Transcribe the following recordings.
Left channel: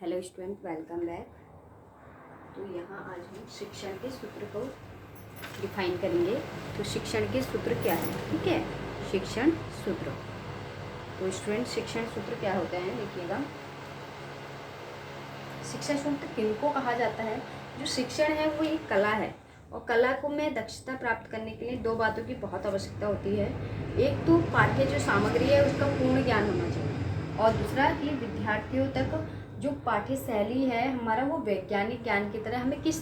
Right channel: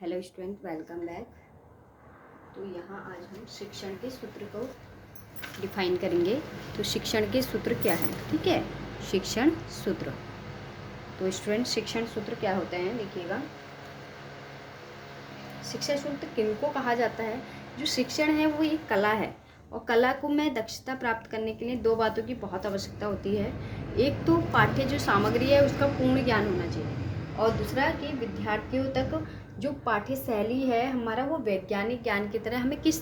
Hello student, welcome back. तो यहाँ आज हम शिक्षण के सूत्र को डिफाइन करेंगे। तो शिक्षण के सूत्र क्या है, ठीक है। शिक्षण सूत्र, तो स्टूडेंट शिक्षण सूत्र क्या होते हैं देखिएगा। शिक्षण सूत्र किनको कहा जाता है? जो शिक्षण है वो एक कला है, और कला को में दक्षता प्राप्त करने के लिए दो बातों की बहुत आवश्यकता होती है। एक तो पाठ्य जो सामग्री है उसका पूर्ण ज्ञान होना चाहिए, और दूसरा कि विद्यार्थियों तक जो पाठ्य शैली है हमारा वो वैज्ञानिक ज्ञान की तरह हमें किस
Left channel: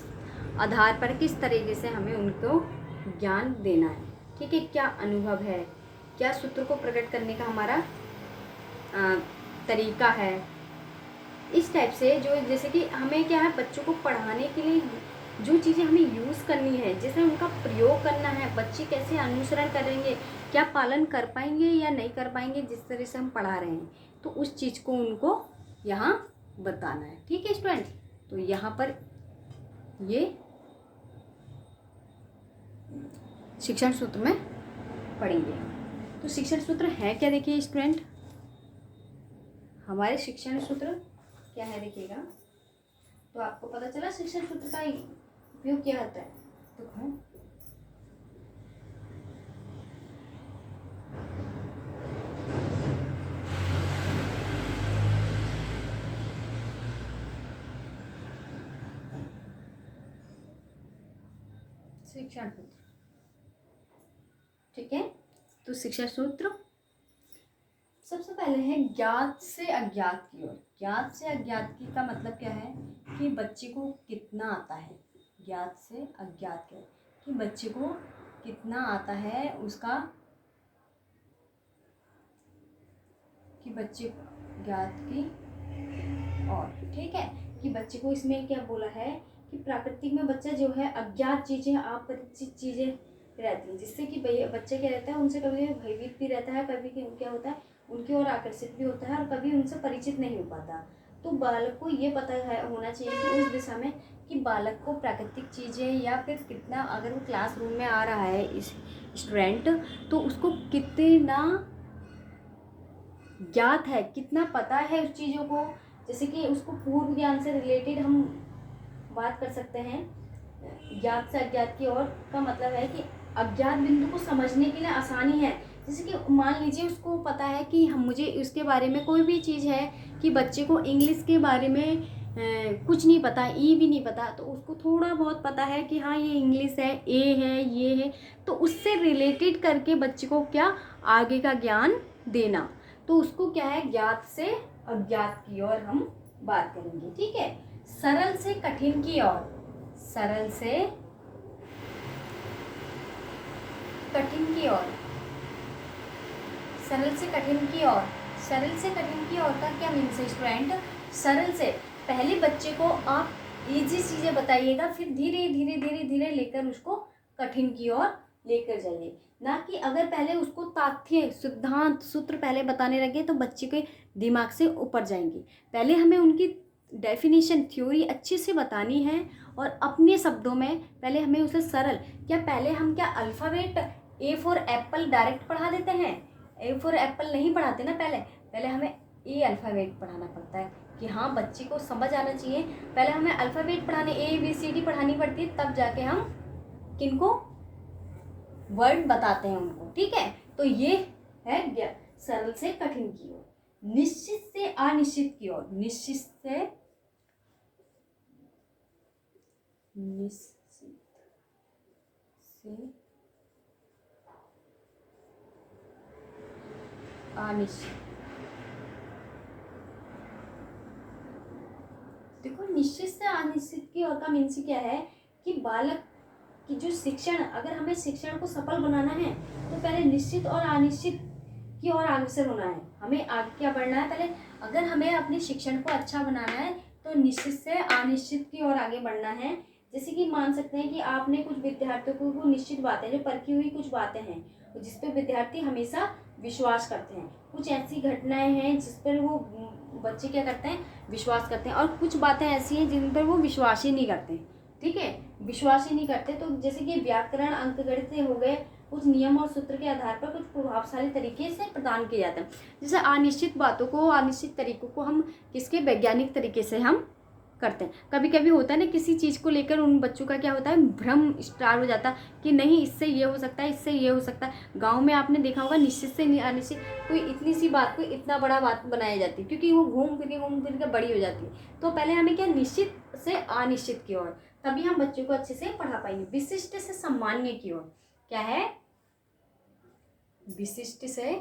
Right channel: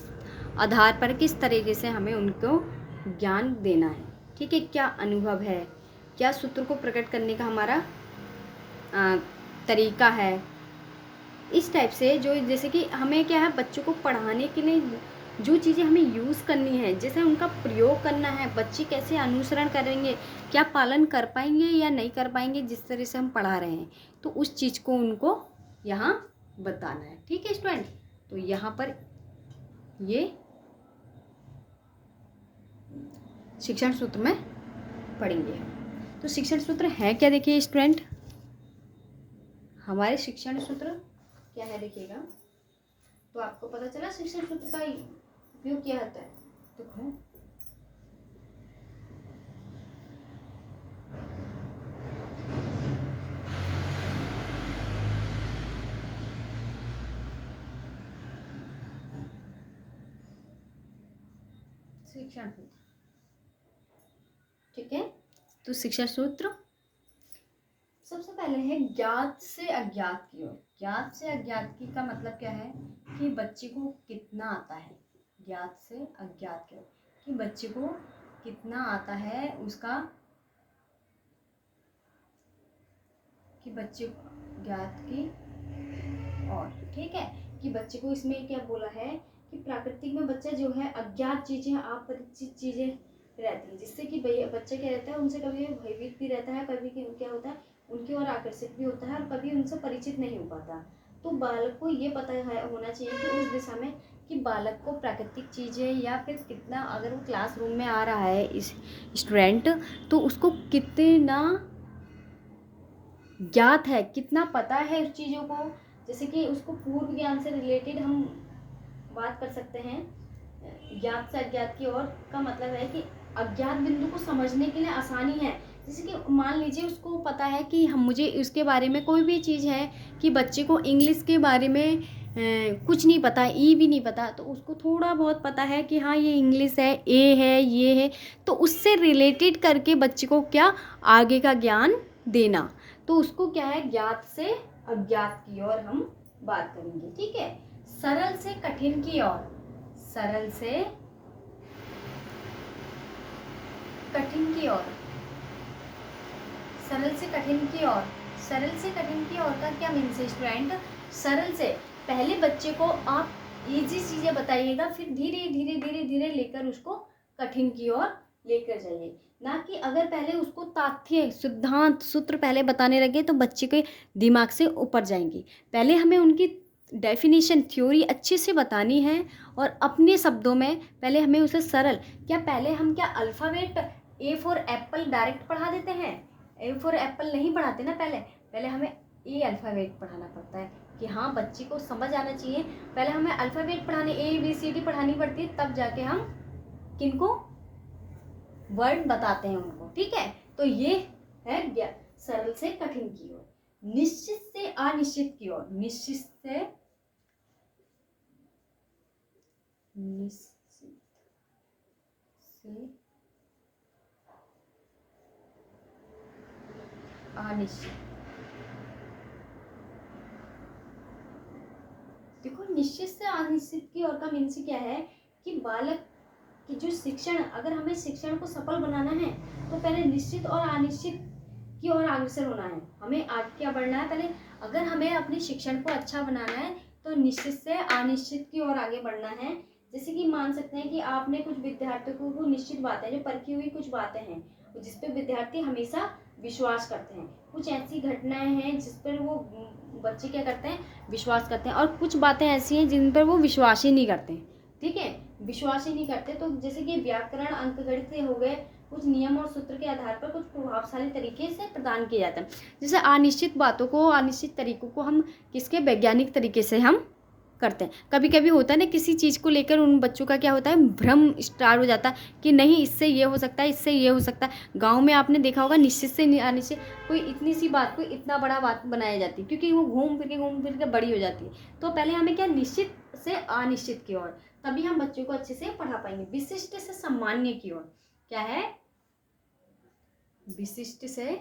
आधार पर किस तरीके से हमें उनको ज्ञान देना है, ठीक है। क्या अनुभव है, क्या सूत्र को प्रकट करने का हमारा तरीका है, इस टाइप से। जो जैसे कि हमें क्या है, बच्चों को पढ़ाने के लिए जो चीज़ें हमें यूज़ करनी है, जैसे उनका प्रयोग करना है, बच्चे कैसे अनुसरण करेंगे, क्या पालन कर पाएंगे या नहीं कर पाएंगे जिस तरह से हम पढ़ा रहे हैं, तो उस चीज़ को उनको यहाँ बताना है, ठीक है स्टूडेंट। तो यहाँ पर ये शिक्षण सूत्र में पढ़ेंगे। तो शिक्षण सूत्र है क्या, देखिए स्टूडेंट। हमारे शिक्षण सूत्र क्या है देखिएगा। तो आपको पता चला शिक्षण सूत्र का उपयोग क्या होता है। तो शिक्षण सूत्र, ठीक है। तो शिक्षण सूत्र सबसे पहले है ज्ञात से अज्ञात की ओर। ज्ञात से अज्ञात की का मतलब क्या है कि बच्चे को कितना आता है। ज्ञात से अज्ञात की ओर कि बच्चे को कितना आता है उसका, कि बच्चे ज्ञात की और, ठीक है। कि बच्चे को इसमें क्या बोला है कि प्राकृतिक में बच्चा जो है अज्ञात चीजें, अपरिचित चीजें रहती हैं, जिससे कि बच्चा क्या रहता है उनसे कभी भयभीत भी रहता है, कभी क्या होता है उनकी ओर आकर्षित भी होता है, और कभी उनसे परिचित नहीं हो पाता। तो बालक को ये पता है होना चाहिए कि उस दिशा में कि बालक को प्राकृतिक चीज़ें या फिर कितना, अगर वो क्लासरूम में आ रहा है इस स्टूडेंट, तो उसको कितना ज्ञात है, कितना पता है उस चीज़ों को। जैसे कि उसको पूर्व ज्ञान से रिलेटेड हम बात कर सकते हैं। ज्ञात से अज्ञात की ओर का मतलब है कि अज्ञात बिंदु को समझने के लिए आसानी है। जैसे कि मान लीजिए उसको पता है कि हम मुझे उसके बारे में कोई भी चीज़ है, कि बच्चे को इंग्लिश के बारे में कुछ नहीं पता, ई भी नहीं पता, तो उसको थोड़ा बहुत पता है कि हाँ ये इंग्लिश है, ए है, ये है, तो उससे रिलेटेड करके बच्चे को क्या आगे का ज्ञान देना। तो उसको क्या है, ज्ञात से अज्ञात की ओर हम बात करेंगे, ठीक है। सरल से कठिन की ओर, सरल से कठिन की ओर, सरल से कठिन की ओर, सरल से कठिन की ओर का क्या मीन्स है स्टूडेंट। सरल से पहले बच्चे को आप इजी चीजें बताइएगा, फिर धीरे धीरे धीरे धीरे लेकर उसको कठिन की ओर लेकर जाइए। ना कि अगर पहले उसको तथ्य सिद्धांत सूत्र पहले बताने लगे तो बच्चे के दिमाग से ऊपर जाएंगे। पहले हमें उनकी डेफिनेशन थ्योरी अच्छे से बतानी है, और अपने शब्दों में पहले हमें उसे सरल, क्या पहले हम क्या alphabet A for Apple direct पढ़ा देते हैं? ए फॉर एप्पल नहीं पढ़ाते ना, पहले हमें ए अल्फ़ाबेट पढ़ाना पड़ता है कि हाँ बच्चे को समझ आना चाहिए। पहले हमें अल्फ़ाबेट पढ़ाने, ABCD पढ़ानी पड़ती है, तब जाके हम किनको वर्ड बताते हैं उनको, ठीक है। तो ये है सरल से कठिन की ओर। निश्चित से अनिश्चित की ओर, निश्चित से अनिश्चित। देखो निश्चित से अनिश्चित की ओर का मीन्स क्या है कि बालक की जो शिक्षण, अगर हमें शिक्षण को सफल बनाना है तो पहले निश्चित और अनिश्चित की ओर अग्रसर होना है, हमें आगे क्या बढ़ना है। पहले अगर हमें अपने शिक्षण को अच्छा बनाना है तो निश्चित से अनिश्चित की ओर आगे बढ़ना है। जैसे कि मान सकते हैं कि आपने कुछ विद्यार्थियों को निश्चित बातें, जो परखी हुई कुछ बातें हैं जिस पे विद्यार्थी हमेशा विश्वास करते हैं, कुछ ऐसी घटनाएं हैं जिस पर वो बच्चे क्या करते हैं, विश्वास करते हैं, और कुछ बातें ऐसी हैं जिन पर वो विश्वास ही नहीं करते, ठीक है। विश्वास ही नहीं करते। तो जैसे कि व्याकरण, अंकगणित हो गए, कुछ नियम और सूत्र के आधार पर कुछ प्रभावशाली तरीके से प्रदान किए जाते हैं। जैसे अनिश्चित बातों को, अनिश्चित तरीकों को हम किसके वैज्ञानिक तरीके से हम करते हैं। कभी कभी होता है ना, किसी चीज़ को लेकर उन बच्चों का क्या होता है, भ्रम स्टार्ट हो जाता है कि नहीं इससे ये हो सकता है, इससे ये हो सकता है। गांव में आपने देखा होगा निश्चित से अनिश्चित, कोई इतनी सी बात को इतना बड़ा बात बनाई जाती है, क्योंकि वो घूम फिर के बड़ी हो जाती है। तो पहले हमें क्या, निश्चित से अनिश्चित की ओर, तभी हम बच्चों को अच्छे से पढ़ा पाएंगे। विशिष्ट से सामान्य की ओर, क्या है, विशिष्ट से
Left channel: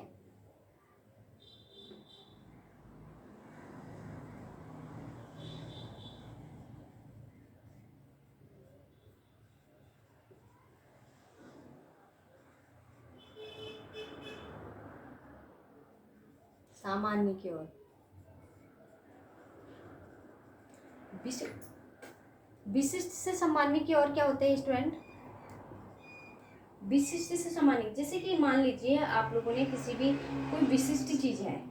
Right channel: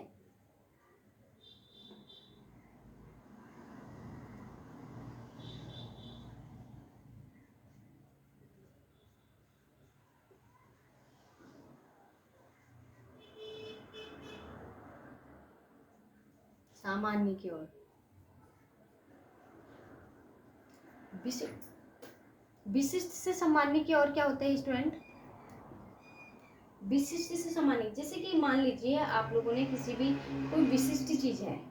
सामान्य की ओर। विशिष्ट से सामान्य की ओर क्या होता है स्टूडेंट, विशिष्ट से सामान्य, जैसे कि मान लीजिए आप लोगों ने किसी भी कोई विशिष्ट चीज है,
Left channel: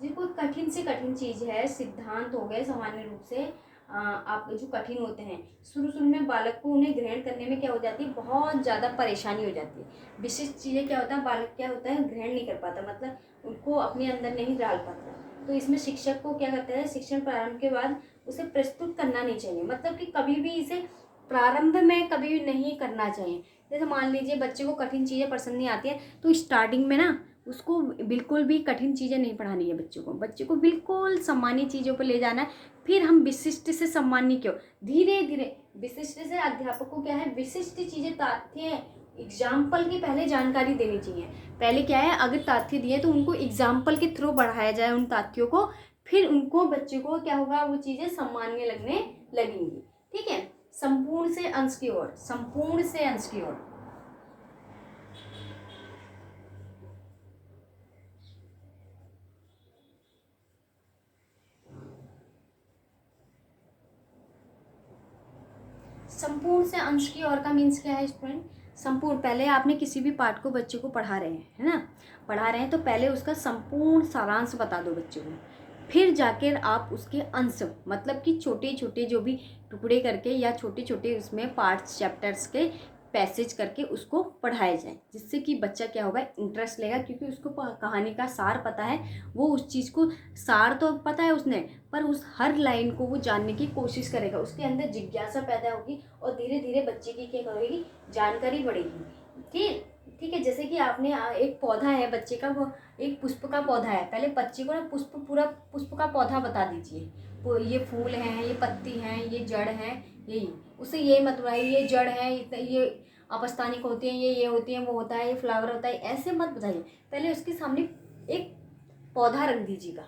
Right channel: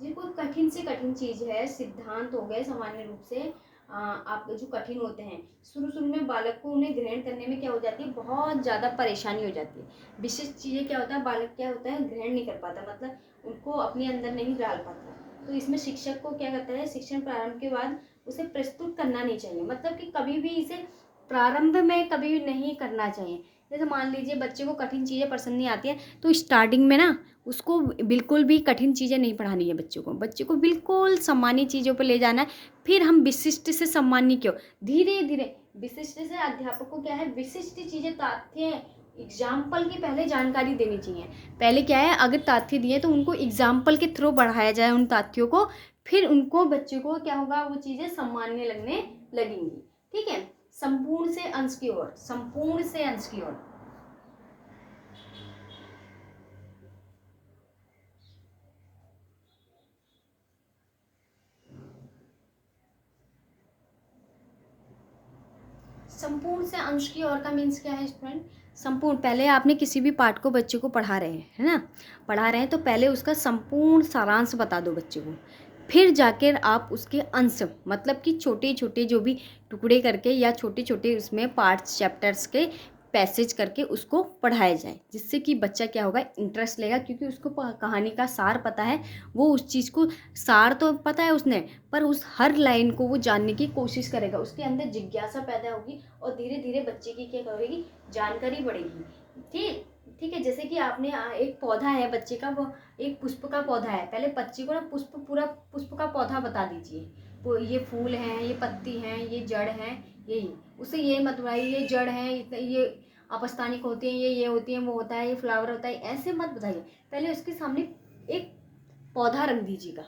जो कोई कठिन से कठिन चीज है, सिद्धांत हो गए सामान्य रूप से आप जो कठिन होते हैं, शुरू में बालक को उन्हें ग्रहण करने में क्या हो जाती है, बहुत ज़्यादा परेशानी हो जाती है। विशिष्ट चीज़ें क्या होता है, बालक क्या होता है, ग्रहण नहीं कर पाता, मतलब उनको अपने अंदर नहीं डाल पाता। तो इसमें शिक्षक को क्या करता है, शिक्षण प्रारंभ के बाद उसे प्रस्तुत करना नहीं चाहिए, मतलब कि कभी भी इसे प्रारंभ में कभी भी नहीं करना चाहिए। जैसे मान लीजिए बच्चे को कठिन चीज़ें पसंद नहीं आती हैं, तो स्टार्टिंग में ना उसको बिल्कुल भी कठिन चीज़ें नहीं पढ़ानी है बच्चे को बिल्कुल सामान्य चीज़ों पर ले जाना है। फिर हम विशिष्ट से सामान्य क्यों, धीरे धीरे विशिष्ट से अध्यापक को क्या है, विशिष्ट चीज़ें, तथ्य, एग्जाम्पल की पहले जानकारी देनी चाहिए। पहले क्या है, अगर तथ्य दिए तो उनको एग्जाम्पल के थ्रू बढ़ाया जाए उन तथ्यों को, फिर उनको बच्चे को क्या होगा, वो चीज़ें सामान्य लगने लगेंगी। ठीक है, संपूर्ण से अंश की ओर, संपूर्ण से अंश की ओर, संपूर्ण से अंश की ओर का मीन्स क्या है स्टूडेंट, संपूर्ण, पहले आपने किसी भी पाठ को बच्चे को पढ़ा रहे हैं, है ना, पढ़ा रहे हैं, तो पहले उसका संपूर्ण सारांश बता दो बच्चे को, फिर जाकर आप उसके अंश, मतलब कि छोटे छोटे जो भी टुकड़े करके या छोटे छोटे उसमें पार्ट्स, चैप्टर्स के पैसेज करके उसको पढ़ाया जाए, जिससे कि बच्चा क्या होगा, इंटरेस्ट लेगा, क्योंकि उसको कहानी का सार पता है, वो उस चीज़ को, सार तो पता है उसने, पर उस हर लाइन को वो जानने की कोशिश करेगा, उसके अंदर जिज्ञासा पैदा होगी और धीरे धीरे बच्चे की क्या करेगी, जानकारी बढ़ेगी। ठीक है, जैसे कि आपने एक पौधा है बच्चे का, वो एक पुष्प का पौधा है, पहले बच्चे को ना पूरा पुष्प का पौधा बता दीजिए, वो ये फूल हैं, ये पत्ती हैं, ये जड़ हैं, यही, उसे ये मत बताइए ये जड़ है, ये अपस्थानिक होते हैं, ये होती हैं, वो होता है, ये फ्लावर होता है, ऐसे मत बताइए। पहले उसके सामने एक पौधा रख दीजिएगा,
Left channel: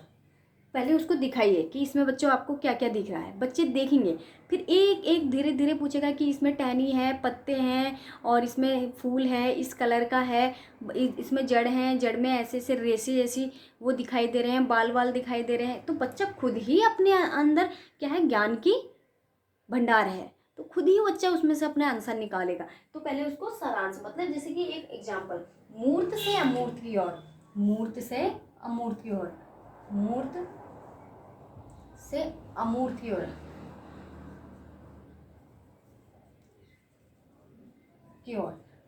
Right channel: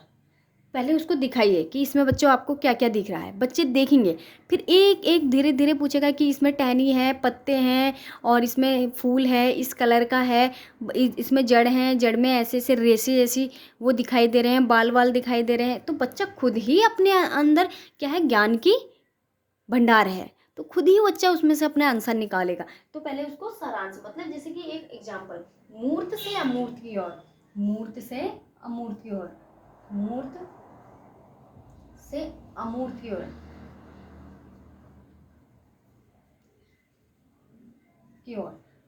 पहले उसको दिखाइए कि इसमें बच्चों आपको क्या क्या दिख रहा है, बच्चे देखेंगे, फिर एक एक धीरे धीरे पूछेगा कि इसमें टहनी है, पत्ते हैं, और इसमें फूल है, इस कलर का है, इसमें जड़ हैं, जड़ में ऐसे ऐसे रेसे जैसी वो दिखाई दे रहे हैं, बाल वाल दिखाई दे रहे हैं, तो बच्चा खुद ही अपने अंदर क्या है, ज्ञान की भंडार है, तो खुद ही बच्चा उसमें से अपने आंसर निकालेगा। तो पहले उसको सारांश, मतलब जैसे कि एक एग्जाम्पल, मूर्त से अमूर्त की ओर, मूर्त से अमूर्त की ओर, मूर्त से अमूर्त की ओर,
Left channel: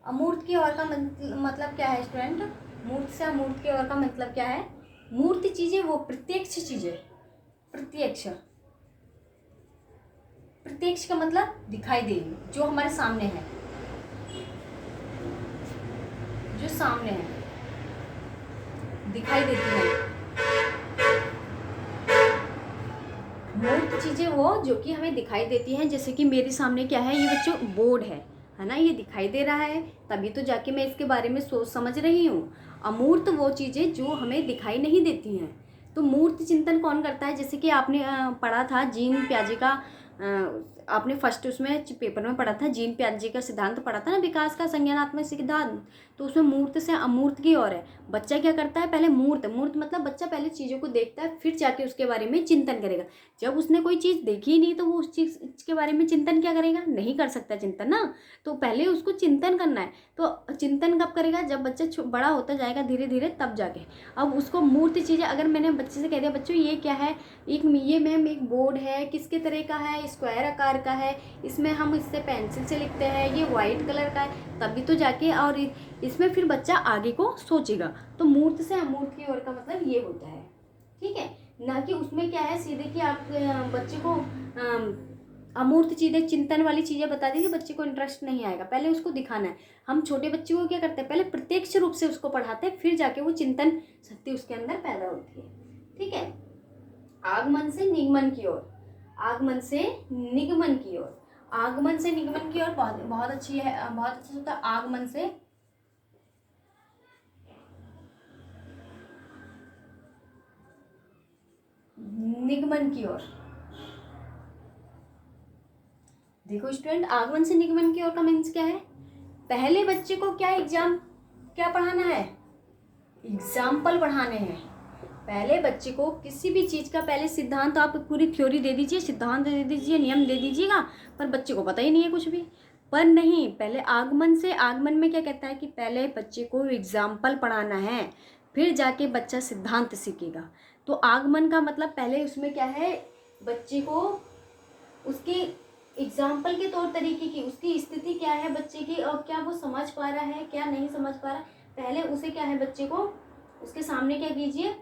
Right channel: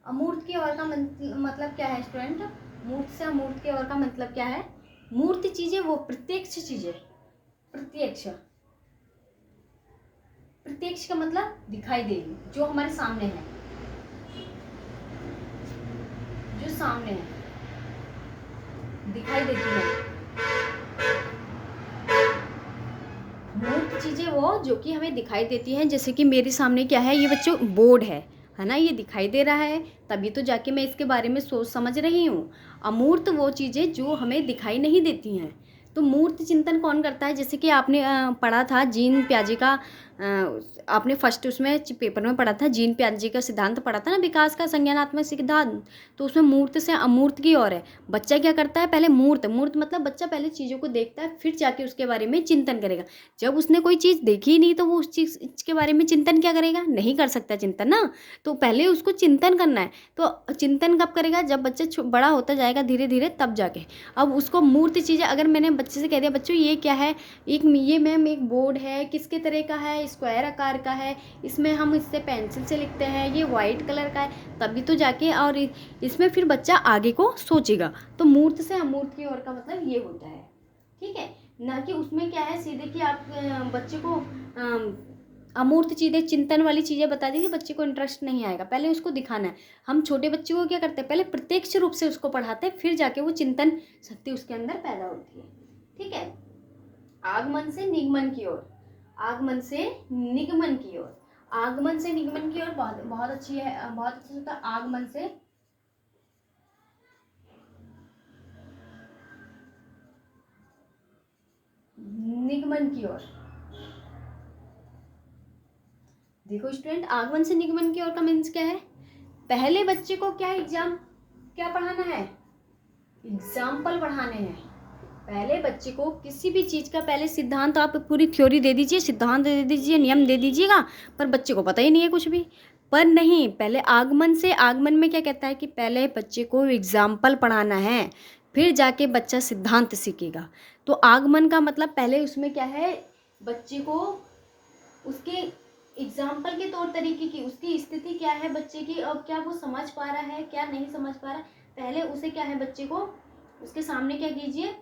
अमूर्त की ओर का मतलब क्या है स्टूडेंट, मूर्त से अमूर्त की ओर का मतलब क्या है, मूर्त चीजें वो प्रत्यक्ष चीजें, प्रत्यक्ष का मतलब दिखाई देगी, जो हमारे सामने है, जो सामने है, दिखाई देती है, मूर्त चीजें वो जो कि हमें दिखाई देती हैं। जैसे कि मेरे सामने क्या है, ये बच्चों बोर्ड है ना, ये दिखाई दे रहा है, तभी तो जाके मैं इसके बारे में सोच समझ रही हूँ। अमूर्त वो चीजें जो हमें दिखाई नहीं देती हैं। तो मूर्त चिंतन कौन करता है, जैसे कि आपने पढ़ा था जीन पियाजे का, आपने फर्स्ट उसमें पेपर में पढ़ा था, जीन पियाजे का सिद्धांत पढ़ा था ना, विकास का संज्ञानात्मक सिद्धांत, तो उसमें मूर्त से अमूर्त की ओर है। बच्चा क्या करता है, पहले मूर्त मतलब बच्चा पहले चीज़ों को देखता है, फिर जाके उसके बारे में चिंतन करेगा। जब उसने कोई चीज़ देखी ही नहीं तो वो उस चीज़ के बारे में चिंतन क्या करेगा, नहीं कर सकता चिंतन ना, तो पहले उसको चिंतन करना है। तो चिंतन कब करेगा, जब बच्चा बड़ा होता जाएगा धीरे धीरे, तब जाके। अब उसको मूर्त चीज़ें, अगर मैंने बच्चे से कह दिया बच्चों ये क्या है, ये मैम एक बोर्ड है, किसके तरह का है, स्क्वायर आकार का है, इसमें हम इससे पेंसिल से लिखते हैं, ये वाइट कलर का है, तभी तो जाके और इसमें फिर बच्चा आगे को सोचेगा। तो मूर्त से अमूर्त की ओर का मतलब ये होता है, ठीक है। ना कि उसमें क्या है सीधे कि आप बच्चे को अमूर्त चीज़ें, चिंतन वाली चीज़ें बता दीजिए, बच्चे को इंटरेस्ट नहीं आएगा। पहले उसको दिखाना है। हम छोटे बच्चे को क्या करते हैं, पहले प्रत्यक्ष रूप से उसको पढ़ाते हैं, फिर जाके वो चिंतन शक्ति उसके अंदर पैदा होती है, ठीक है। आगमन से निगमन की ओर, आगमन से निगमन की ओर, आगमन से निगमन की ओर बहुत बहुत अच्छी है, बहुत अच्छा होता है। आगमन से निगमन की ओर, देखो स्टूडेंट, आगमन से निगमन की ओर का मीन्स क्या है, पहले बच्चे को क्या पढ़ाना है, एग्जाम्पल पढ़ाने हैं। पहले बच्चे को किसी भी चीज़ का पहले सिद्धांत, आप पूरी थ्योरी दे दीजिए, सिद्धांत दे दीजिए, नियम दे दीजिएगा, पर बच्चे को पता ही नहीं है कुछ भी। पर नहीं, पहले आगमन में क्या कहता है कि पहले बच्चे को एग्जाम्पल पढ़ाना है, फिर जाके बच्चा सिद्धांत सीखेगा। तो आगमन का मतलब पहले उसमें क्या है, बच्चे को उसके एग्जाम्पल के तौर तरीके की, उसकी स्थिति क्या है बच्चे की, और क्या वो समझ पा रहा है, क्या नहीं समझ पा रहा है, पहले उसे क्या है, बच्चे को उसके सामने क्या कीजिए,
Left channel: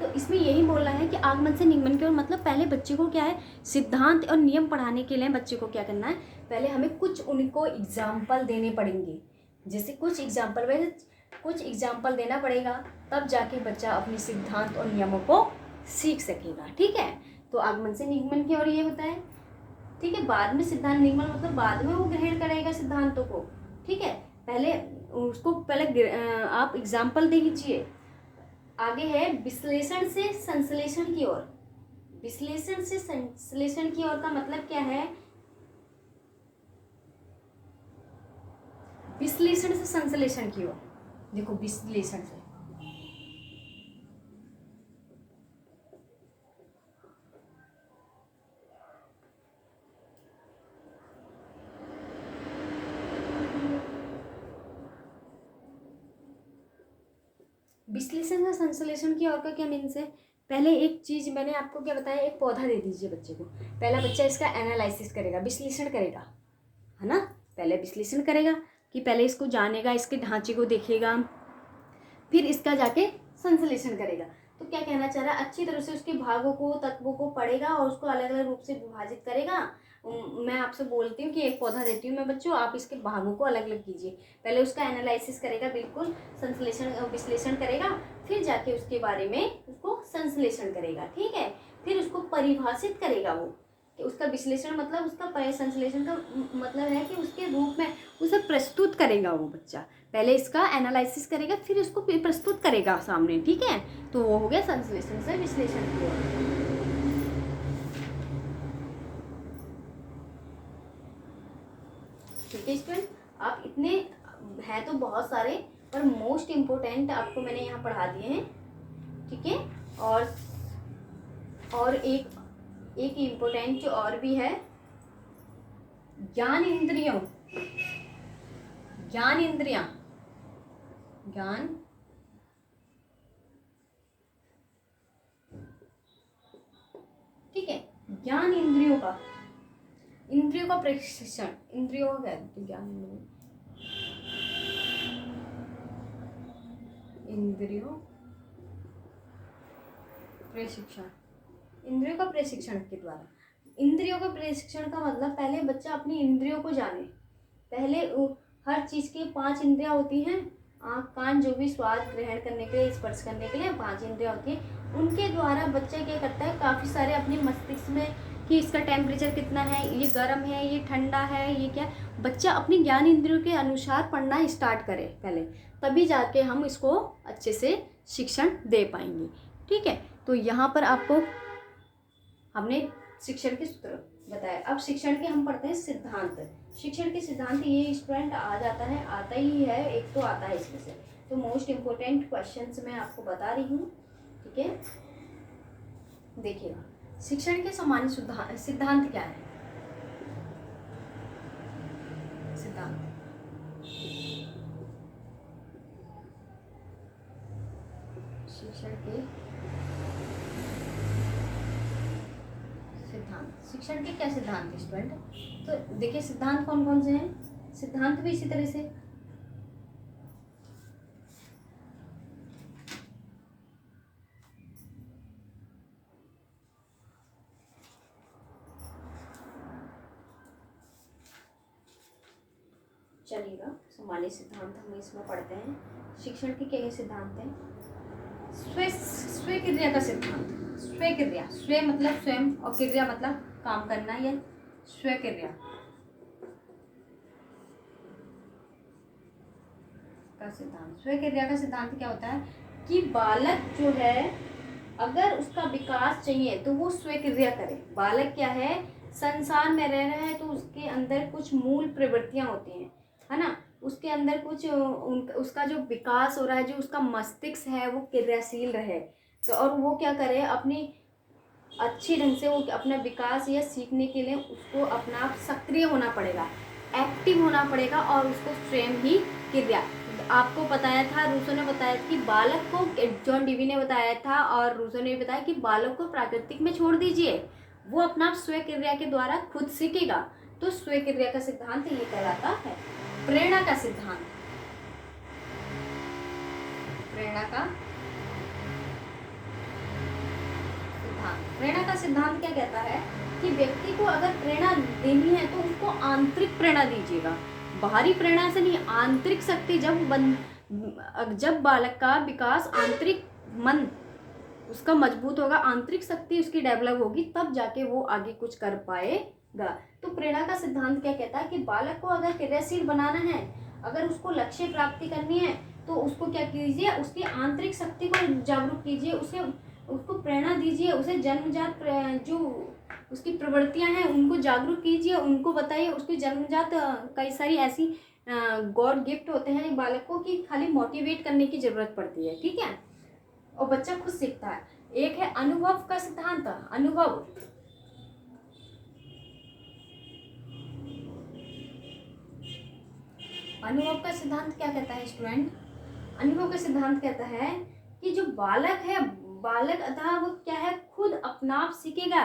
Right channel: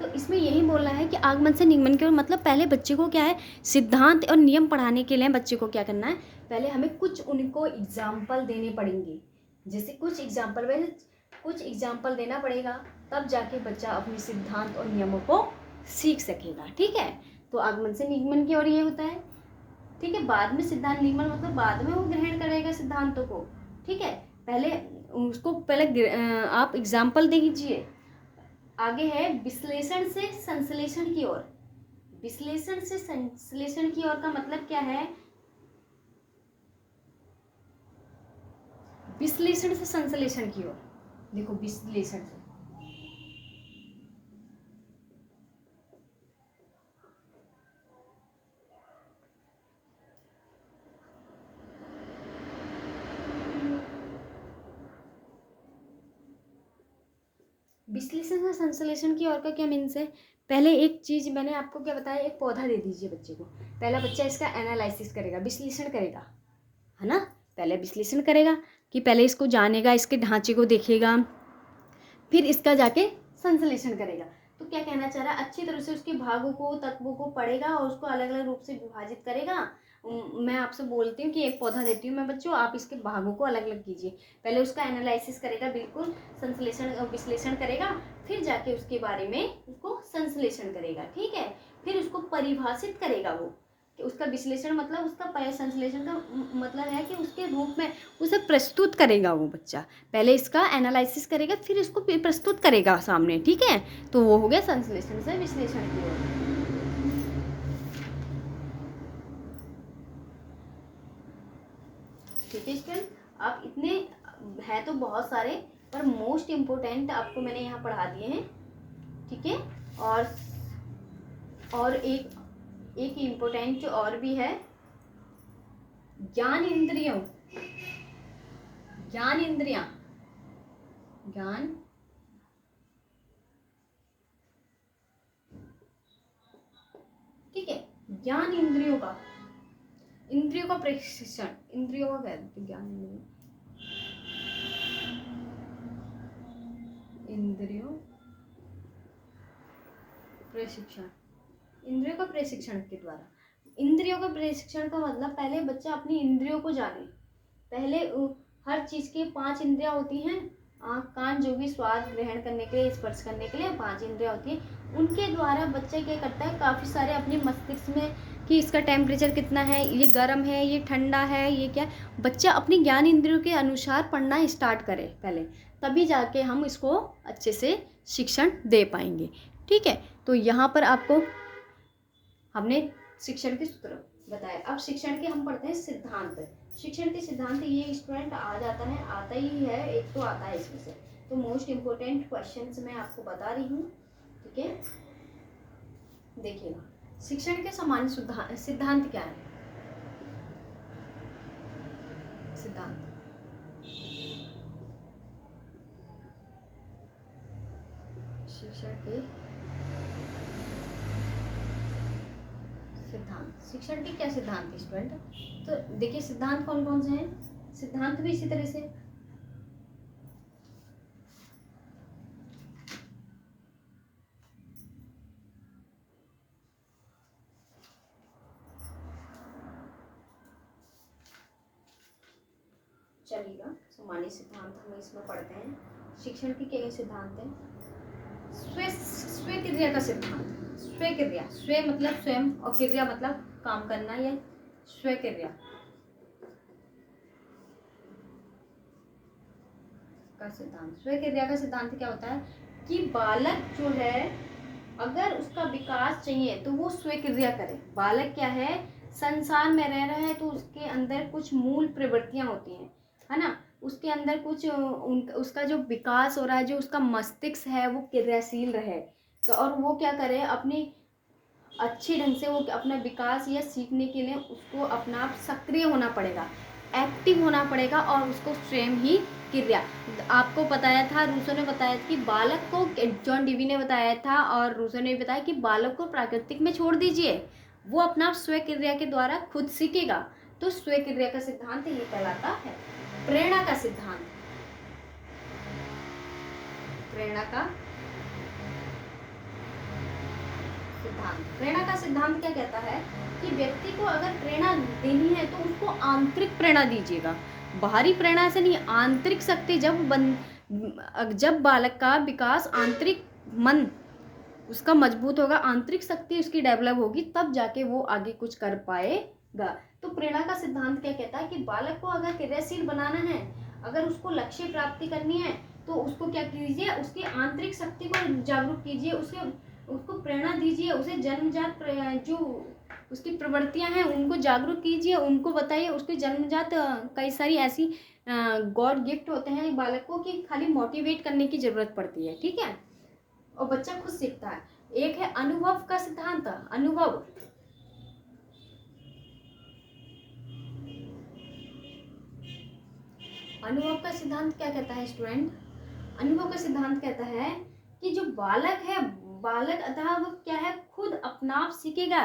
तो इसमें यही बोलना है कि आगमन से निगमन की ओर मतलब पहले बच्चे को क्या है, सिद्धांत और नियम पढ़ाने के लिए बच्चे को क्या करना है, पहले हमें कुछ उनको एग्जाम्पल देने पड़ेंगे। जैसे कुछ एग्जाम्पल देना पड़ेगा, तब जाके बच्चा अपने सिद्धांत और नियमों को सीख सकेगा, ठीक है। तो आगमन से निगमन की ओर ये होता है, ठीक है। बाद में सिद्धांत निगमन मतलब बाद में वो ग्रहण करेगा सिद्धांतों को, ठीक है। पहले उसको आप एग्जाम्पल दे दीजिए। आगे है विश्लेषण से संश्लेषण की ओर, विश्लेषण से संश्लेषण की ओर का मतलब क्या है, विश्लेषण से संश्लेषण की ओर, देखो विश्लेषण से विश्लेषण से संश्लेषण की ओर का क्या मीन्स है, पहले एक चीज मैंने आपको क्या बताया, एक पौधा दे दीजिए बच्चे को, पहला बच्चा इसका एनालिसिस करेगा, विश्लेषण करेगा, है ना। पहले विश्लेषण करेगा कि पहले इसको जानेगा, इसके ढांचे को देखेगा, फिर इसका जाके संश्लेषण करेगा। तो क्या कहना चाह रहा है, अच्छी तरह से उसके भागों को, तत्वों को पढ़ेगा और उसको अलग अलग रूप से विभाजित करेगा। मैं आपसे बोलती हूँ कि एक पौधा देती हूँ मैं बच्चों, आप इसके भागों को अलग अलग कीजिए। पहले उसका एनालिसिस करेगा, बिल्कुल संश्लेषण विश्लेषण करेगा, फिर जाके उसके बारे में उसको संश्लेषण करेगा, ठीक है। फिर उसको परिभाषित करेगा वो, कि उसका विश्लेषण मतलब उसका संश्लेषण का मतलब है कि उसके रूप में उसे प्रस्तुत करेगा वो बच्चा। पहले इसका एनालिसिस करेगा, फिर इसको प्रस्तुत करेगा सामने, ठीक है। तो वो हो गया संश्लेषण से विश्लेषण की ओर। ठीक है स्टूडेंट, आप इतने है तो बहुत सारे, पर मोस्ट इम्पोर्टेंट आपको मैंने यहाँ पढ़ा दिए हैं, ठीक है। और एक इम्पोर्टेंट और भी है, ज्ञान इंद्रियां, ठीक है। ज्ञान इंद्रियों का प्रशिक्षण, इंद्रियों का क्या है, ज्ञान इंद्रियों प्रशिक्षण, इंद्रियों का प्रशिक्षण के द्वारा। इंद्रियों का प्रशिक्षण का मतलब पहले बच्चा अपनी इंद्रियों को जाने। पहले हर चीज के 5 इंद्रियां होती हैं, आँख कान जो भी स्वाद ग्रहण करने के लिए, स्पर्श करने के लिए 5 इंद्रियां होती हैं। उनके द्वारा बच्चा क्या करता है, काफ़ी सारे अपने मस्तिष्क में कि इसका टेम्परेचर कितना है, ये गर्म है, ये ठंडा है, ये क्या, बच्चा अपनी ज्ञान इंद्रियों के अनुसार पढ़ना स्टार्ट करे पहले, तभी जाके हम इसको अच्छे से शिक्षण दे पाएंगे, ठीक है। तो यहाँ पर आपको हमने शिक्षण के सूत्र बताया। अब शिक्षण के हम पढ़ते हैं सिद्धांत। शिक्षण के सिद्धांत ये स्टूडेंट आता ही है, एक तो आता है इसमें से। तो मोस्ट इम्पोर्टेंट क्वेश्चंस मैं आपको बता रही हूँ, ठीक है। देखिएगा, शिक्षण के सामान्य सिद्धांत क्या है। सिद्धांत। शिक्षण के सिद्धांत। शिक्षण के क्या सिद्धांत स्टूडेंट? तो देखिए सिद्धांत कौन कौन से हैं, सिद्धांत भी इसी तरह से। चलिएगा, सामान्य सिद्धांत हम इसमें पढ़ते हैं। शिक्षण के क्या सिद्धांत हैं? स्व क्रिया का सिद्धांत। स्व क्रिया, स्व मतलब स्वयं और क्रिया मतलब काम करना, या स्व क्रिया का सिद्धांत। स्व क्रिया का सिद्धांत क्या होता है कि बालक जो है अगर उसका विकास चाहिए तो वो स्व क्रिया करे। बालक क्या है, संसार में रह रहा है तो उसके अंदर कुछ मूल प्रवृत्तियां होती हैं, है ना, उसके अंदर कुछ उसका जो विकास हो रहा है, जो उसका मस्तिष्क है वो क्रियाशील रहे। तो और वो क्या करे, अपनी अच्छी ढंग से वो अपना विकास या सीखने के लिए उसको अपना सक्रिय होना पड़ेगा, एक्टिव होना पड़ेगा, और उसको स्वयं ही क्रिया। आपको बताया था, रूसो ने बताया कि बालक को, जॉन डीवी ने बताया था और रूसो ने बताया कि बालक को प्राकृतिक में छोड़ दीजिए, वो अपना स्व क्रिया के द्वारा खुद सीखेगा। तो स्व क्रिया का सिद्धांत ये कहलाता है। प्रेरणा का सिद्धांत। प्रेरणा का सिद्धांत। प्रेरणा का सिद्धांत क्या कहता है कि व्यक्ति को अगर प्रेरणा देनी है तो उसको आंतरिक प्रेरणा दीजिएगा, बाहरी प्रेरणा से नहीं। आंतरिक शक्ति जब बालक का विकास, आंतरिक मन उसका मजबूत होगा, आंतरिक शक्ति उसकी डेवलप होगी, तब जाके वो आगे कुछ कर पाएगा। तो प्रेरणा का सिद्धांत क्या कहता है कि बालक को अगर क्रियाशील बनाना है, अगर उसको लक्ष्य प्राप्ति करनी है, तो उसको क्या कीजिए, उसकी आंतरिक शक्ति को जागरूक कीजिए, उसको प्रेरणा दीजिए, उसे जन्मजात जो उसकी प्रवृत्तियां हैं उनको जागरूक कीजिए, उनको बताइए। उसकी जन्मजात कई सारी ऐसी गॉड गिफ्ट होते हैं बालक को कि खाली मोटिवेट करने की जरूरत पड़ती है, ठीक है, और बच्चा खुद सीखता है। एक है अनुभव का सिद्धांत। अनुभव, अनुभव का सिद्धांत क्या कहता है स्टूडेंट? अनुभव का सिद्धांत कहता है कि जो बालक है, बालक अतः वो क्या है, खुद अपना आप सीखेगा,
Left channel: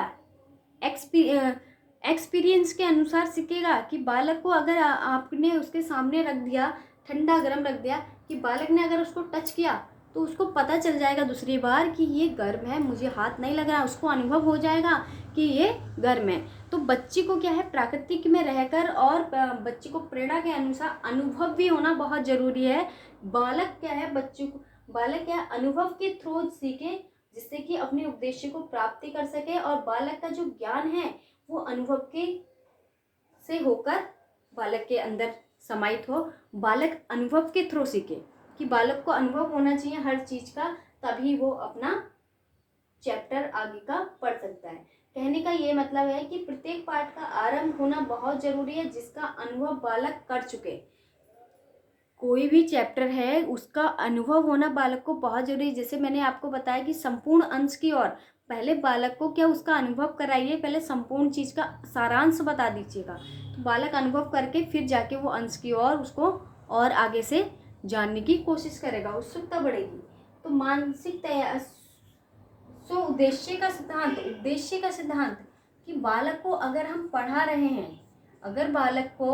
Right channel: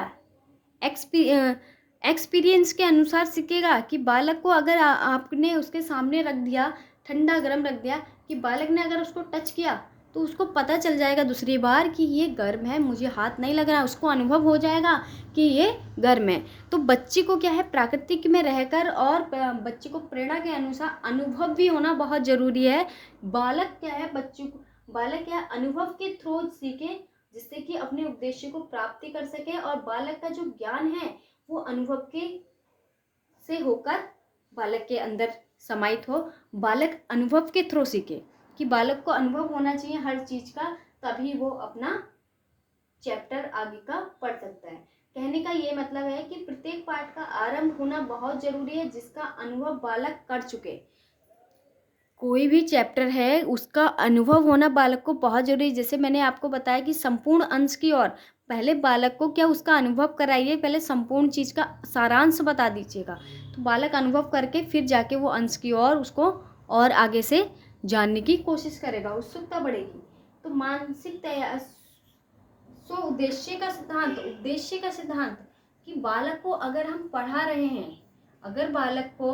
एक्सपीरियंस के अनुसार सीखेगा। कि बालक को अगर आपने उसके सामने रख दिया, ठंडा गर्म रख दिया, कि बालक ने अगर उसको टच किया तो उसको पता चल जाएगा दूसरी बार कि ये गर्म है, मुझे हाथ नहीं लग रहा, उसको अनुभव हो जाएगा कि ये गर्म है। तो बच्चे को क्या है, प्राकृतिक में रहकर और बच्चे को प्रेरणा के अनुसार अनुभव भी होना बहुत जरूरी है। बालक क्या है, बालक क्या है, अनुभव के थ्रू सीखे, जिससे कि अपने उद्देश्य को प्राप्ति कर सके, और बालक का जो ज्ञान है वो अनुभव के से होकर बालक के अंदर समाहित हो। बालक अनुभव के थ्रू सीखे, कि बालक को अनुभव होना चाहिए हर चीज का, तभी वो अपना चैप्टर आगे का पढ़ सकता है। कहने का ये मतलब है कि प्रत्येक पाठ का आरंभ होना बहुत जरूरी है, जिसका अनुभव बालक कर चुके। कोई भी चैप्टर है उसका अनुभव होना बालक को बहुत जरूरी है। जैसे मैंने आपको बताया कि संपूर्ण अंश की ओर पहले बालक को क्या उसका अनुभव कराइए, पहले संपूर्ण चीज का सारांश बता दीजिएगा, तो बालक अनुभव करके फिर जाके वो अंश की ओर उसको और आगे से जानने की कोशिश करेगा, उत्सुकता बढ़ेगी। तो मानसिक तैयार। सो उद्देश्य का सिद्धांत। उद्देश्य का सिद्धांत कि बालक को अगर हम पढ़ा रहे हैं, अगर बालक को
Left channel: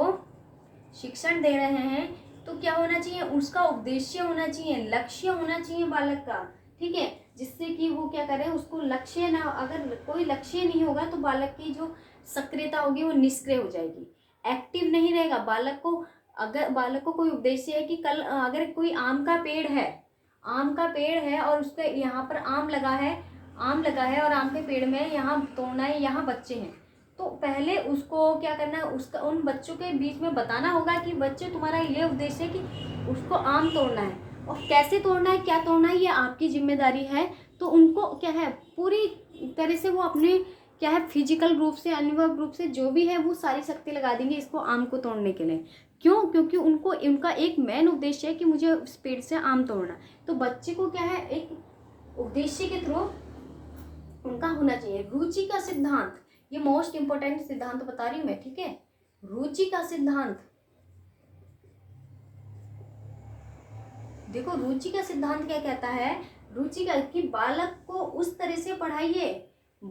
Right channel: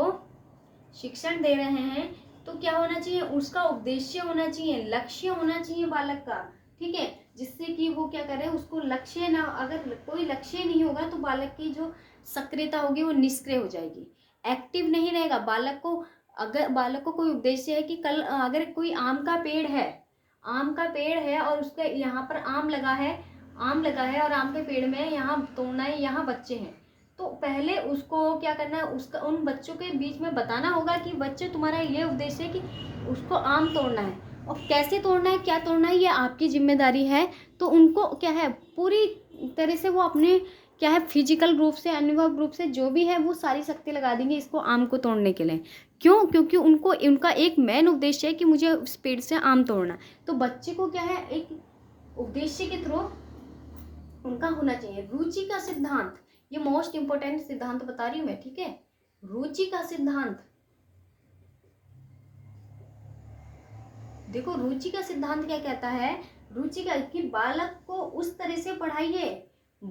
शिक्षण दे रहे हैं, तो क्या होना चाहिए, उसका उद्देश्य होना चाहिए, लक्ष्य होना चाहिए बालक का, ठीक है, जिससे कि वो क्या करे, उसको लक्ष्य ना, अगर कोई लक्ष्य नहीं होगा तो बालक की जो सक्रियता होगी वो निष्क्रिय हो जाएगी, एक्टिव नहीं रहेगा बालक को। अगर बालक को कोई उद्देश्य है कि कल अगर कोई आम का पेड़ है, आम का पेड़ है और उसका यहाँ पर आम लगा है, आम लगा है और आम के पेड़ में यहाँ तोड़ना है, यहाँ बच्चे हैं, तो पहले उसको क्या करना है, उसका उन बच्चों के बीच में बताना होगा कि बच्चे तुम्हारा ये उद्देश्य है कि उसको आम तोड़ना है, और कैसे तोड़ना है, क्या तोड़ना है, ये आपकी जिम्मेदारी है। तो उनको क्या है, पूरी तरह से वो अपने क्या है, फिजिकल रूप से, अनुभव रूप से जो भी है वो सारी शक्ति लगा देंगे इसको आम को तोड़ने के लिए। क्यों? क्योंकि उनको उनका एक मेन उद्देश्य है कि मुझे इस पेड़ से आम तोड़ना। तो बच्चे को क्या है, एक उद्देश्य के थ्रू उनका होना चाहिए। रुचि का सिद्धांत, ये मोस्ट इंपोर्टेंट सिद्धांत बता रही हूँ मैं, ठीक है, रुचि का सिद्धांत। देखो रुचि का सिद्धांत क्या कहता है, रुचि का कि बालक को उस तरह से पढ़ाइए,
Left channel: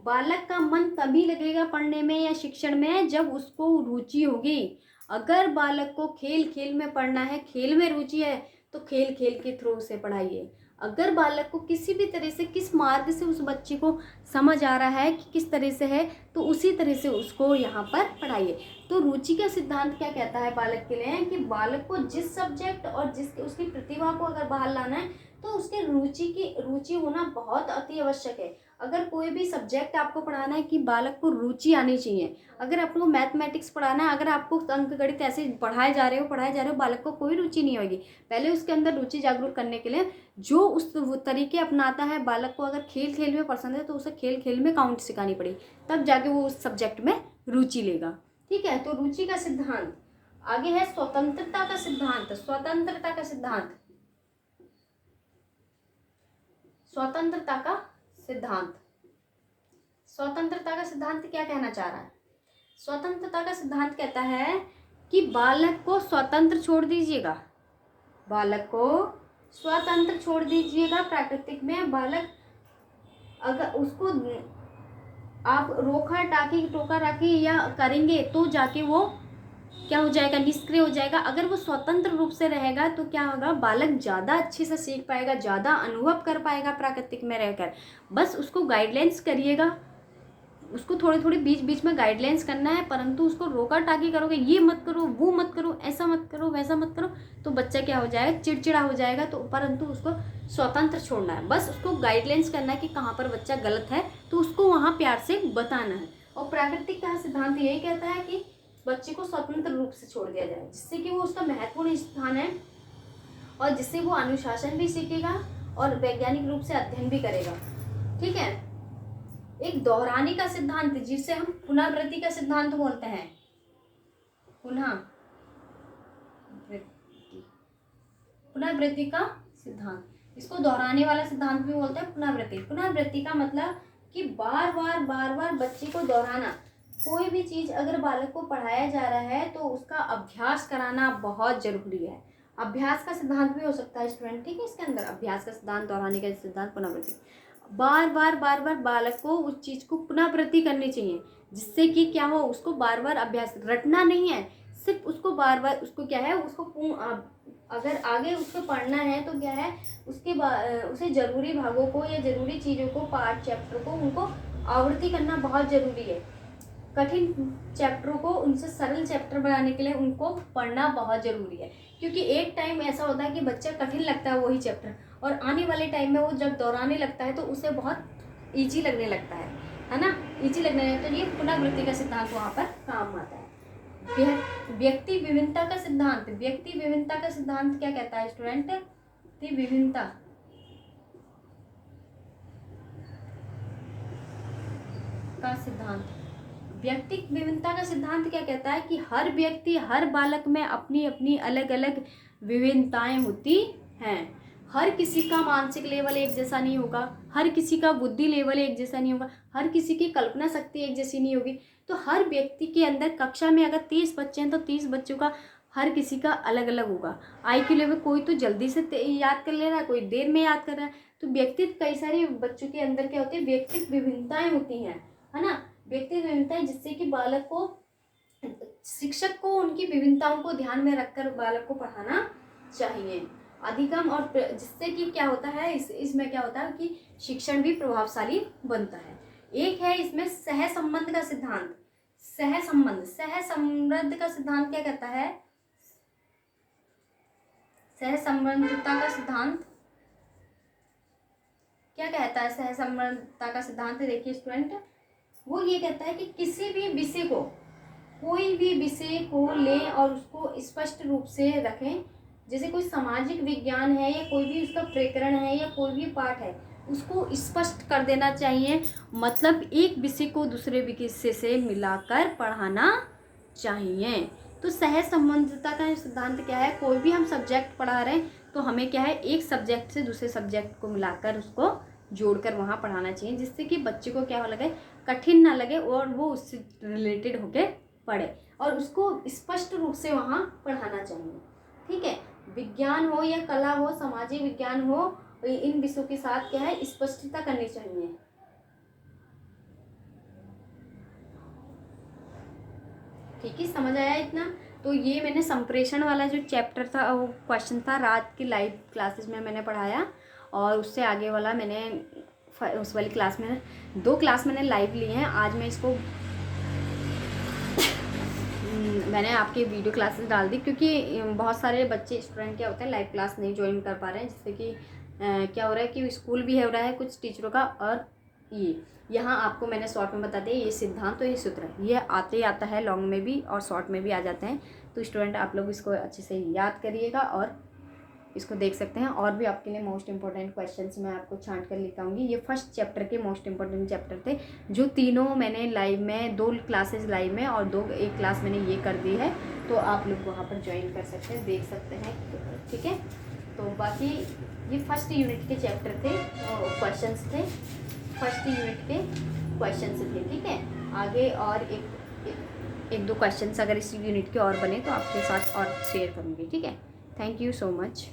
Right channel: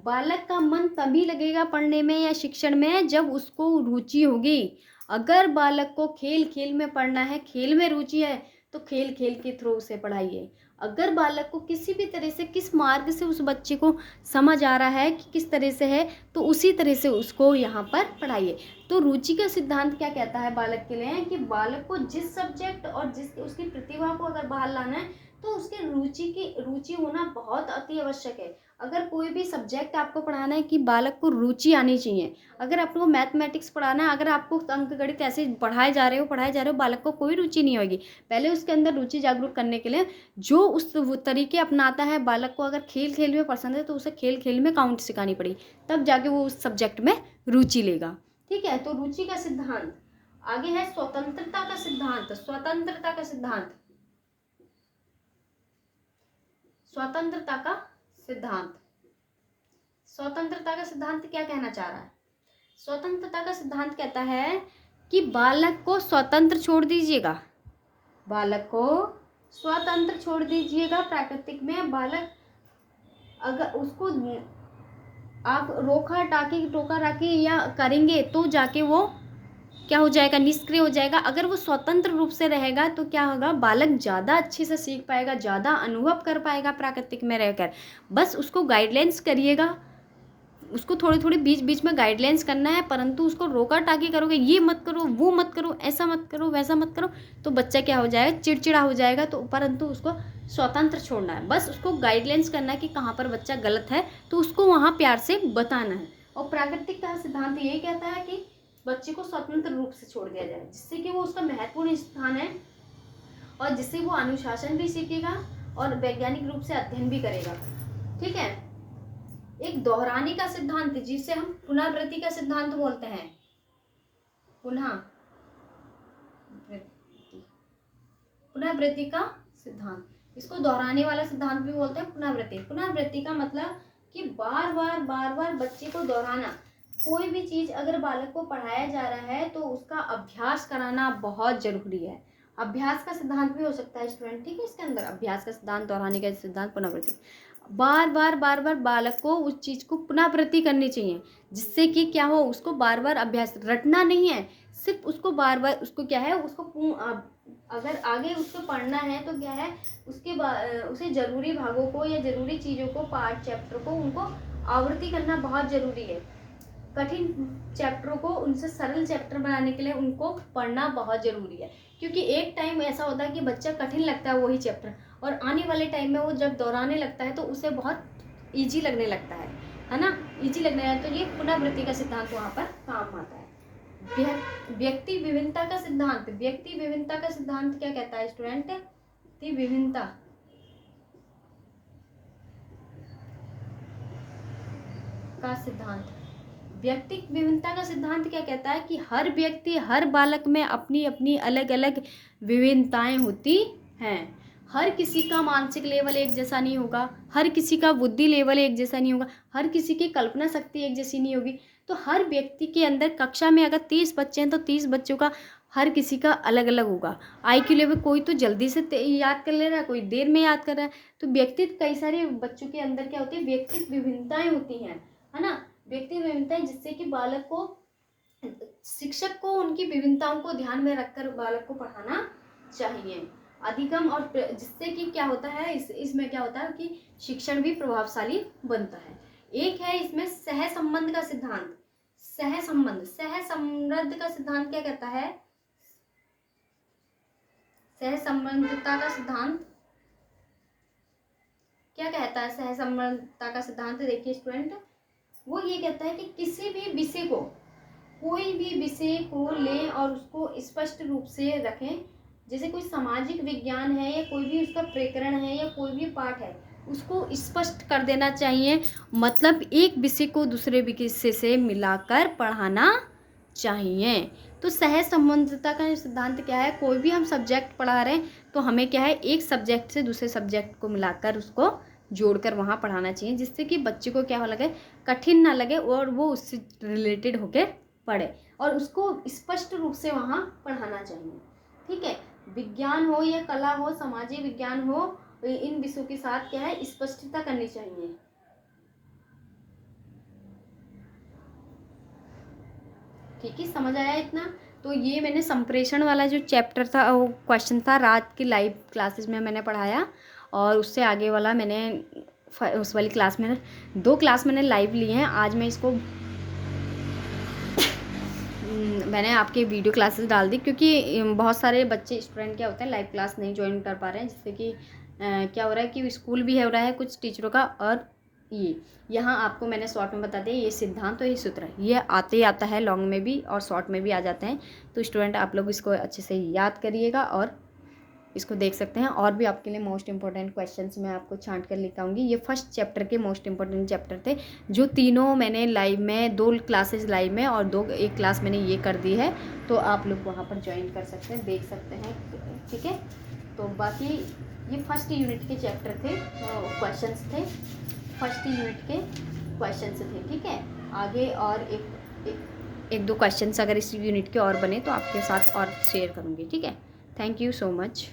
बालक का मन तभी लगेगा पढ़ने में या शिक्षण में जब उसको रुचि होगी। अगर बालक को खेल खेल में पढ़ना है, खेल में रुचि है, तो खेल खेल के थ्रू उसे पढ़ाइए। अगर बालक को किसी भी तरह से किस मार्ग से उस बच्चे को समझ आ रहा है कि किस तरह से है, तो उसी तरह से उसको यहाँ पर पढ़ाइए। तो रुचि का सिद्धांत क्या कहता है बालक के लिए कि बालक को जिस सब्जेक्ट और जिस उसकी प्रतिभा को अगर बाहर लाना है तो उसके रुचि होना बहुत अति आवश्यक है। अगर कोई भी सब्जेक्ट आपको पढ़ाना है कि बालक को रुचि आनी चाहिए। अगर आपको मैथमेटिक्स पढ़ाना है, अगर आपको अंक गणित ऐसे पढ़ाए जा रहे हो, बालक को कोई रुचि नहीं होगी। पहले उसके अंदर रुचि जागरूक करने के लिए जो उस तरीके अपनाता है, बालक को अगर खेल खेल में पसंद है तो उसे खेल खेल में काउंट सिखानी पड़ी, तब जाके वो उस सब्जेक्ट में रुचि लेगा। ठीक है, तो रुचि का सिद्धांत। आगे है स्वतंत्रता का सिद्धांत। स्वतंत्रता का सिद्धांत क्या कहना चाह रहा है? स्वतंत्रता का सिद्धांत कहता है कि बालक को स्वतंत्र छोड़ दीजिएगा, बालक को स्वतंत्र छोड़ दीजिएगा। प्राकृतिक में बालक अगर उसको आप टोका टाकी या करेंगे तो जाके वो क्या हो जाएगा, निष्क्रिय हो जाएगा। अगर वो स्वतंत्र रूप से रहेगा तो क्या होगा, बालक ज़्यादा अच्छे से सीख पाएगा, ज़्यादा अनुभव कर पाएगा प्राकृतिक में रहकर। बस उसको गाइडलाइंस करिएगा, उसको थोड़े थोड़े बीच बीच में गाइडलाइंस करना है, परंतु उसको रोका टाकी करोगे, ये मत करो, वो मत करो, ऐसा मत करो, वैसा मत करो, तो बच्चा क्या हो जाएगा, चिड़चिड़ा हो जाएगा। तो परंतु उसको स्वतंत्र छोड़ना है, बस उसको गाइडलाइंस करना है कि कहाँ पर बच्चा गलत है, तो उसको वहाँ प्यार से बताना है। और प्राकृतिक का सिद्धांत यही कहता है कि बच्चे को स्वतंत्र रूप से छोड़ दिया जाए, जिससे कि वो उसका महत्वपूर्ण स्थान है और जिससे वो अनुशासन भी सीखेगा और वैज्ञानिक रूप से अध्ययन भी करेगा। ठीक है, एक दोहराने का सिद्धांत जिसे हम पुनरावृत्ति का सिद्धांत बोलते हैं। पुनरावृत्ति का सिद्धांत, इसको दोहराने वाला सिद्धांत भी बोलते हैं। पुनरावृत्ति का मतलब कि बार बार बच्चे को दोहराना। कोई भी चीज अगर बालक को पढ़ाया जा रहा है तो उसका अभ्यास कराना बहुत जरूरी है। अभ्यास का सिद्धांत भी हो सकता है स्टूडेंट, ठीक है। इसके अंदर अभ्यास का सिद्धांत, दोहराने का सिद्धांत, पुनरावृत्ति। बार बार बालक को उस चीज को पुनरावृत्ति करनी चाहिए, जिससे कि क्या हो, उसको बार बार अभ्यास, रटना नहीं है, सिर्फ उसको बार बार उसको क्या है, उसको अगर आगे उसको पढ़ना है तो क्या है, उसे जरूरी भागों को या जरूरी चीजों को, पाठ चैप्टर को, उनको आवृत्ति करना बहुत जरूरी है। कठिन चैप्टरों को उनसे सरल चैप्टर बनाने के लिए उनको पढ़ना बहुत जरूरी है, क्योंकि एक टाइम ऐसा होता है कि बच्चा कठिन लगता है वही चैप्टर, और आने वाले टाइम में वो जब दोहराने लगता है तो उसे बहुत इजी लगने लगता है ना, इजी लगने लगता है। तो ये पुनरावृत्ति का सिद्धांत वहाँ पर काम आता है। व्यक्ति विभिन्नता का सिद्धांत। व्यक्ति विभिन्नता का सिद्धांत क्या कहता है स्टूडेंट? विभिन्नता का सिद्धांत, व्यक्ति विभिन्नता का सिद्धांत क्या कहता है कि हर व्यक्ति, हर बालक में अपनी अपनी अलग अलग विभिन्नताएं होती हैं। हर किसी का मानसिक लेवल एक जैसा नहीं होगा, हर किसी का बुद्धि लेवल एक जैसा नहीं होगा, हर किसी की कल्पना शक्ति एक जैसी नहीं होगी। तो हर व्यक्ति के अंदर, कक्षा में अगर 30 बच्चे हैं तो 30 बच्चों का हर किसी का अलग अलग होगा। IQ लेवल, कोई तो जल्दी से याद कर ले रहा है, कोई देर में याद कर रहा है। तो व्यक्तित्व, कई सारे बच्चों के अंदर क्या होती है, व्यक्तित्व विभिन्नताएं होती हैं, है ना। व्यक्तित्व विभिन्नता, जिससे कि बालक को, शिक्षक को उनकी विभिन्नताओं को ध्यान में रखकर बालक को पढ़ाना चाहिए। अधिगम और जिससे कि क्या होता है, इसमें क्या होता है कि शिक्षण भी प्रभावशाली बनता है। एक है इसमें सहसंबंध का सिद्धांत। सहसंबंध का सिद्धांत क्या कहता है? सहसंबंधता का सिद्धांत क्या कहता है? सहसंबंधता का सिद्धांत देखिए स्टूडेंट, वो ये कहता है कि किसी भी विषय को, कोई भी विषय को लें और उसको स्पष्ट रूप से रखें। जैसे कोई सामाजिक विज्ञान है या कोई भी उसका प्रकरण है या कोई भी पाठ है, उसको स्पष्ट कर देना चाहिए। मतलब एक विषय को दूसरे विषय से मिलाकर पढ़ाना चाहिए। तो सहसंबंधता का सिद्धांत क्या है? कोई भी हम सब्जेक्ट पढ़ा रहे हैं तो हमें क्या है, एक सब्जेक्ट से दूसरे सब्जेक्ट को मिलाकर उसको जोड़कर वहाँ पढ़ाना चाहिए, जिससे कि बच्चे को क्या लगे, कठिन ना लगे और वो उससे रिलेटेड होकर पढ़े, और उसको स्पष्ट रूप से वहाँ पढ़ाना चाहिए। ठीक है, विज्ञान हो या कला हो, सामाजिक विज्ञान हो, इन विषयों के साथ क्या है, स्पष्टता करनी चाहिए। ठीक है, समझ आया इतना? तो ये मैंने संप्रेषण वाला जो चैप्टर था, वो क्वेश्चन था, रात की लाइव क्लासेस में मैंने पढ़ाया, और उससे आगे वाला मैंने उस वाली क्लास में 2 क्लास मैंने लाइव लिए हैं। आज मैं इसको मैंने आपके वीडियो क्लासेस डाल दी, क्योंकि बहुत सारे बच्चे स्टूडेंट क्या होते हैं लाइव क्लास नहीं ज्वाइन कर पा रहे हैं, जिससे कि क्या हो रहा है कि स्कूल भी हो रहा है कुछ टीचरों का, और ये यहाँ आपको मैंने शॉर्ट में बता दिया, ये सिद्धांत तो ये सूत्र है, ये आते ही आता है, लॉन्ग में भी और शॉर्ट में भी आ जाते हैं। तो स्टूडेंट आप लोग इसको अच्छे से याद करिएगा और इसको देख सकते हैं। और भी आपके लिए मोस्ट इंपॉर्टेंट क्वेश्चंस मैं आपको छांट कर लेकर आऊँगी। ये फर्स्ट चैप्टर के मोस्ट इंपॉर्टेंट चैप्टर थे, जो तीनों मैंने लाइव में 2 क्लासेस लाइव में और 1 क्लास मैंने ये कर दी है। तो आप लोग वहाँ पर ज्वाइन कर सकते हैं, देख सकते हैं। ठीक है, तो बाकी ये फर्स्ट यूनिट के चैप्टर थे, क्वेश्चंस थे, फर्स्ट यूनिट के क्वेश्चंस थे। ठीक है, आगे और एक 2 क्वेश्चंस अगर इस यूनिट के और बने तो आपके साथ और शेयर करूँगी। ठीक है, थैंक यू सो मच।